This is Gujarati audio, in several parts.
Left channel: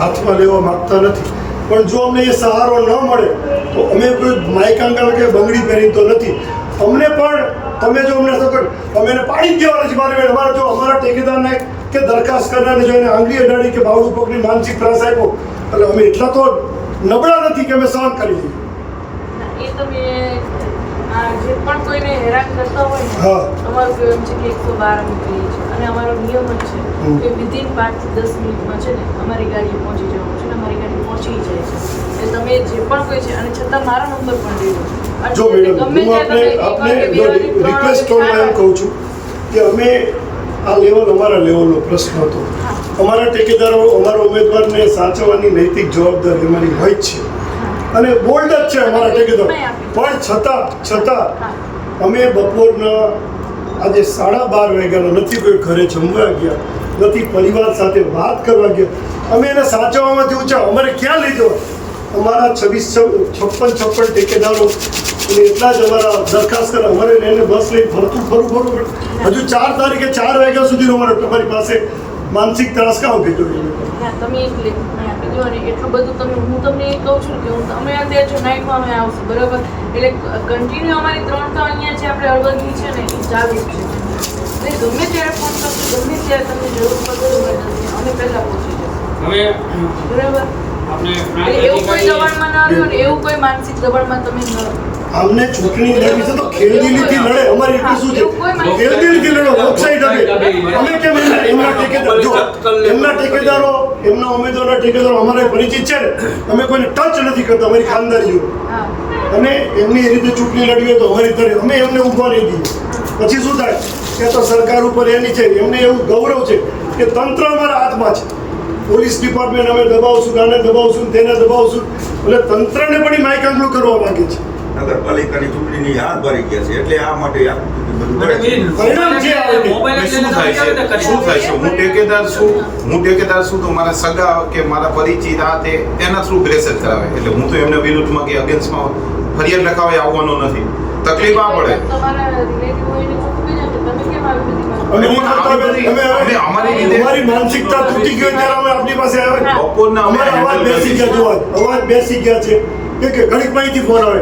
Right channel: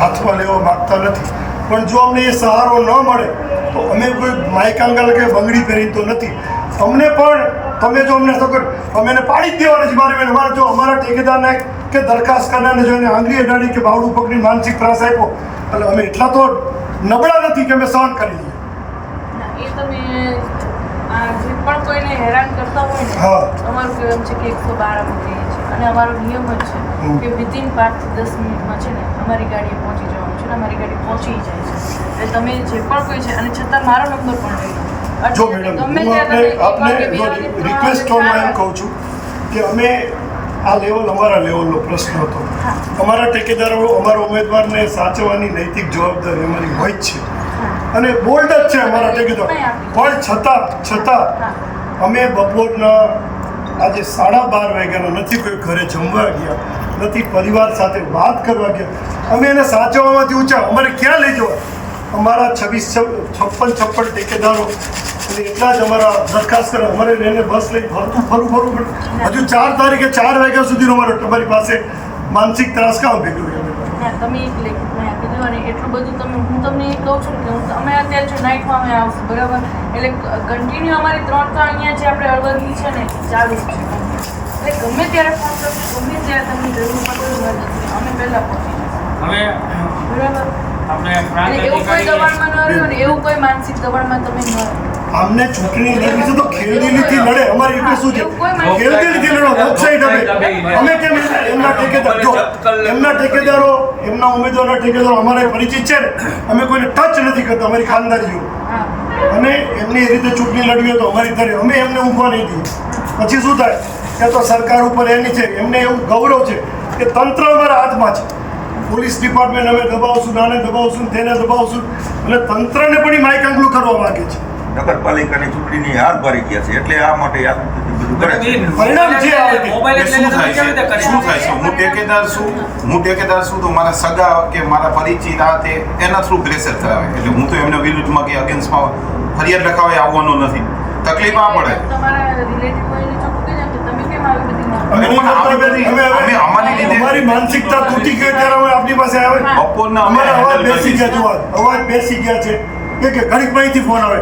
હાથમાં લેવા માગતા નથી. પણ જો અમને એ સહારો ન મળે તો અમે કોઈ માયકાંગલ કે બંગડી પહેરી તો નથી. અમને પણ તમે જો અમને સગર અમે એને પાડી જ દેવાના છે મારી અમારે જો અમારા ટેકેદારને કે દરખાસ્ત કરનારને જો એને આંગળી અડાડી કે બાવડું પકડી માનસિક ત્રાસ આપ્યો એટલે અમે એટલા તો નબળા નથી કે અમે સહન કરી લઈએ. પણ કોઈને હેરાન કરતા હોય ને. અમારું એમ છે કે એકસો બાર અમે કહીએ છીએ. અને અમારો નિયમ જ છે કે વિધિન પાંચ દસ મિનિટમાં છે ને અમારી ગાડીએ પહોંચી જવાનું છે અમારી ગાડી પહોંચી જાય છે. એટલે તમે જે પણ કોઈ છે અને છતાં મારો નંબર પણ લઈ જો મેડમ હું આપને આપને જો રિક્વેસ્ટ ટોનમાં એમ કહું છું કે અમે આ લેવલ અમારા લેવલનો પ્રશ્ન હતો. અમારા ટેકેદારો અમારા ઉમેદવારને સાચવવાની નૈતિક જવાબદારી અમારી હોય જ છે. અને બોલ્ડ જ છે અમારા ટેકેદાર. પણ છતાં છતાં અમે બપોરના આજે સાડા બાર વાગ્યાના નથી કોઈ ઘરે જમવા ગયા, નથી પરિવાર સાથે વાત કરવા ગયા. અમે એને સાચવવામાંથી ઊંચા, અમારે ક્યાં લઈ જવા અમારા છવ્વીસ છપ્પન છપ્પન ઠેકેદારો એટલે એટલા જ અમારા દરખાસ્ત કરે. અમારે એને બસ લઈને ફરતું ફરવું ફરવું પડે. હજુ ચાર તારીખે ચાર વાગ્યા સુધીનો અમારો તમારી પાસે માનસિક ત્રાસ કામ ભેગો અમે તમે એક આપી દો અને એટલું બધું તમે હું તમને એ કહું છું કે હું અમે અત્યારે જો નાઇટમાં અમે આવશું બરાબર? એટલે કન્ટિન્યુ અમારી ત્રણ તો અહીંયા જે આપણે અળવદની છે ને એ ચાલુ છે. એટલે ગમે ત્યારે ફોન કરશો ગમે ત્યારે તમને જરૂર પડશે તો અમે પહેલાં પહોંચી હવે બરાબર? આપણે પ્રાંત એવું કોઈ અધિકારી દબાણમાં ન રહ્યું ને એવું કોઈ માનસિક દબાણમાં તમે ન. અમને ચૂંટણી લડવી છે તો ખેલદિલીથી લડે. અમારે એટલું શું છે? ખેલદિલીથી લડો લોકશાહી ડબે અમે કેમ એમના ઠેકેદાર જો એમના ઠેકેદારો એમના ઉમેદવારના ઠેકેદારો અમારે પરિચિત છે ને અમે કોઈને ટચ નથી કરતા અમારી ખાનદારીઓ હા. અને એમની એ રીતે ચૂંટણી લડવી હોય તો અમારી ધરે. અમે એમને ઊભા નહીં દઈએ. પછી શું થાય? કે તો સરકાર ઉપર એની છે એમને એવું ગૌરવ છે કે તંત્ર અમારા હાથમાં છે. પોલીસ ડિપાર્ટમેન્ટ અમે દબાવશું આને દબાવશું તેને દબાવશું. એટલે તંત્રને પણ એ માયકાંગલું કરવા માગે છે. નગરપાલિકાની ચૂંટણીની હાર ભરી ગયા છે. એટલે આ માટે આ બધું પરિણામ જે આવે તે. મોબાઈલ એટલે શું થાય છે? શું થાય છે? હું ઠેકેદાર છું હું ઠેકેદાર છું તો મારા સગા કે મારા પરિચિત આ તે એના થ્રુ પ્રેશર કરાવે. એટલે હું તો એમના વિરુદ્ધમાં કે અગેન્સ્ટમાં ફરિયાદ લખાવા આવવાનું નથી. તકલીફ આ પડે. તમારા રિલેટિવ હોય એને ચોખ્ખું કહી દો કે તમે કેમ આવી બધી અમે માહિતી- નહીં કરતા હવે અમે હવે અમે અમારી માનસિકતા તૂટી ગઈ ત્યારે હવે આપણી પાસે આવે બપોરના અમે અમારા અવાજ બેસી ગયા જોવા. અવાજ બેસી ગયા છે. કે ઘડીક માહિતી ફોન આવે.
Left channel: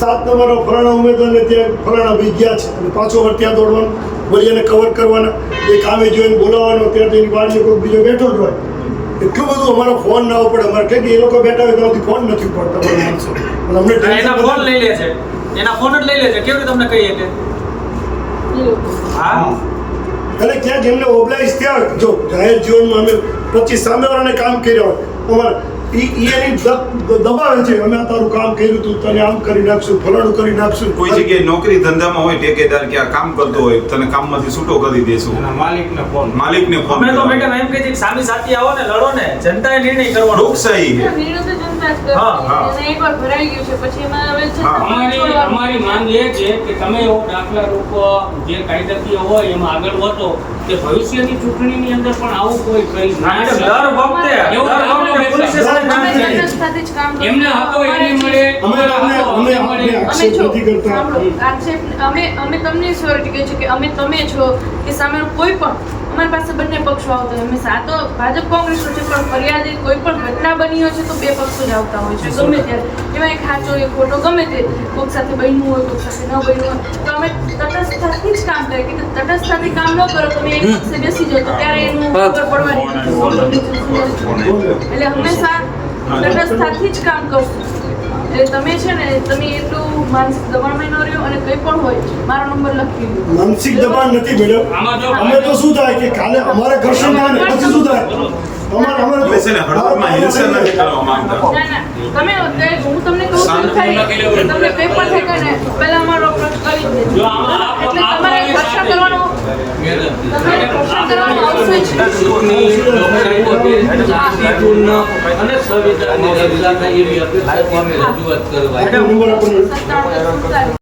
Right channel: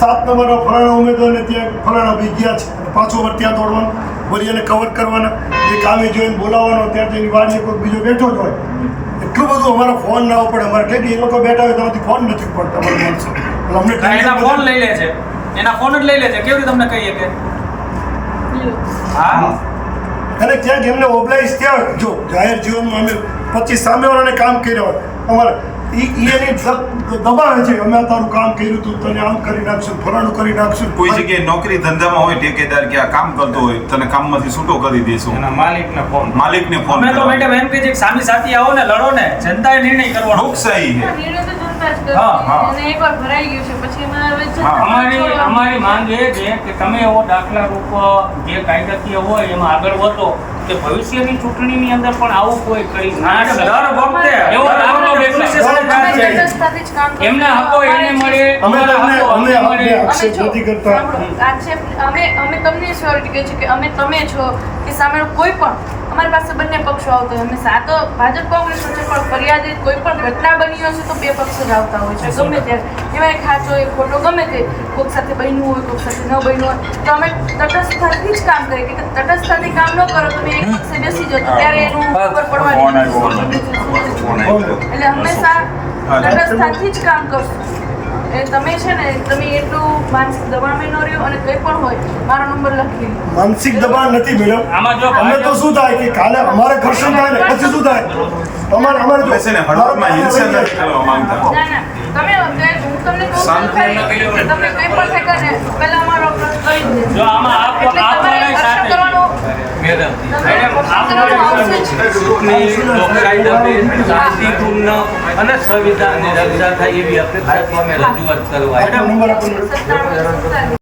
સાત નંબરના ફલાણા ઉમેદવારને ત્યાં ફલાણા ભાઈ ગયા છે. અને પાછો વાર ત્યાં દોડવાનું વળી એને કવર કરવાના. એ કામે જોઈને બોલાવવાનો ત્યાં તો એની વાડીએ કોઈ બીજો બેઠો જ હોય. એટલું બધું અમારો ફોન ના ઉપડે અમારે કે એ લોકો બેઠા હોય તો ફોન નથી પડતા અમારા માણસો. પણ અમને ફોન લઈ લે છે. એના ફોન જ લઈ લે છે. કેવી રીતે તમને કહીએ કે. હા? અને ક્યાંક એમને ઓબ્લાઇઝ થયા જો જાહેર જીવનમાં અમે પચીસ સામેવાળાને કામ કર્યા હોય અમારે ઈ ઈ દબાવે છે અમે તારું કામ કર્યું તું તને આમ કરી નાખશું ફલાણું કરી નાખશું. કોઈ જગ્યાએ નોકરી ધંધામાં હોય ઠેકેદાર કે આ કામ કરતો હોય તને કામમાંથી છૂટો કરી દેશું. માલિકને ફોન માલિકને ફોન અમે તો મેડમ એમ કહે છે સામી સાથી આવો ને લડો ને જનતાએ નિર્ણય કરવાનો લોકશાહી છે. એને. અમારી અમારી માંગ એ છે કે તમે એવો દાખલા રૂપ જે કાયદાકીય હોય એમાં આગળ વધો. કે ભવિષ્યની ચૂંટણીની અંદર પણ આવું કોઈ કરી ના દર વખતે એવો દાખલો. એમના હકો એને મળે અમે તમને અમે અમે આક્ષેપ નથી કરતા. આક્ષેપ અમે અમે તમને સ્યોરિટી કહે છીએ કે અમે તમે છો કે સામે કોઈ પણ અમારી પાસે બંને પક્ષો આવતા હોય. અમે સાતો ભાજપ કોંગ્રેસ છે પણ ફરિયાદિત કોઈ પણ ઘટના બની હોય છે તો બે પક્ષો જ આવતા હોય છે. ગમે ત્યારે એમાં એક ખાચો એક ખોટો ગમે તે. કોઈક સાથે બન્યું હોય કોઈક સાથે ન બન્યું હોય. તો અમે તટસ્થતાથી જ કામ કરીએ કે તટસ્થતાથી કામ ન કરો તમે એક પક્ષે બેસી જતો ત્યારે એનું ખબર પડવાની. એટલે હંમેશા હા. તટસ્થતાથી જ કામ કરશું. એટલે તમે છે ને તમે એટલું માનસિક દબાણમાં ન રહ્યો અને કંઈ પણ હોય મારો નંબર લખી લો માનસિક દબાણ નથી મેડમ આમાં જો અમે તો શું થાય કે કાલે અમારે ઘર્ષણ થાય ને પછી શું થાય? અમારે અમારે તો છે ને હળવદમાં હિંસા નથી કરવા માંગતા. તમે અત્યારે હું તમને કહું છું કે તમને કંઈ પણ થાય ને પહેલા અમારો કરી જો આમાં આપ- આપ કરવાનું મેડમ શાંતિપૂર્ણ અને સંવિધાનની રક્ષા થાય એવી અપેક્ષા અમે રજૂઆત કરવા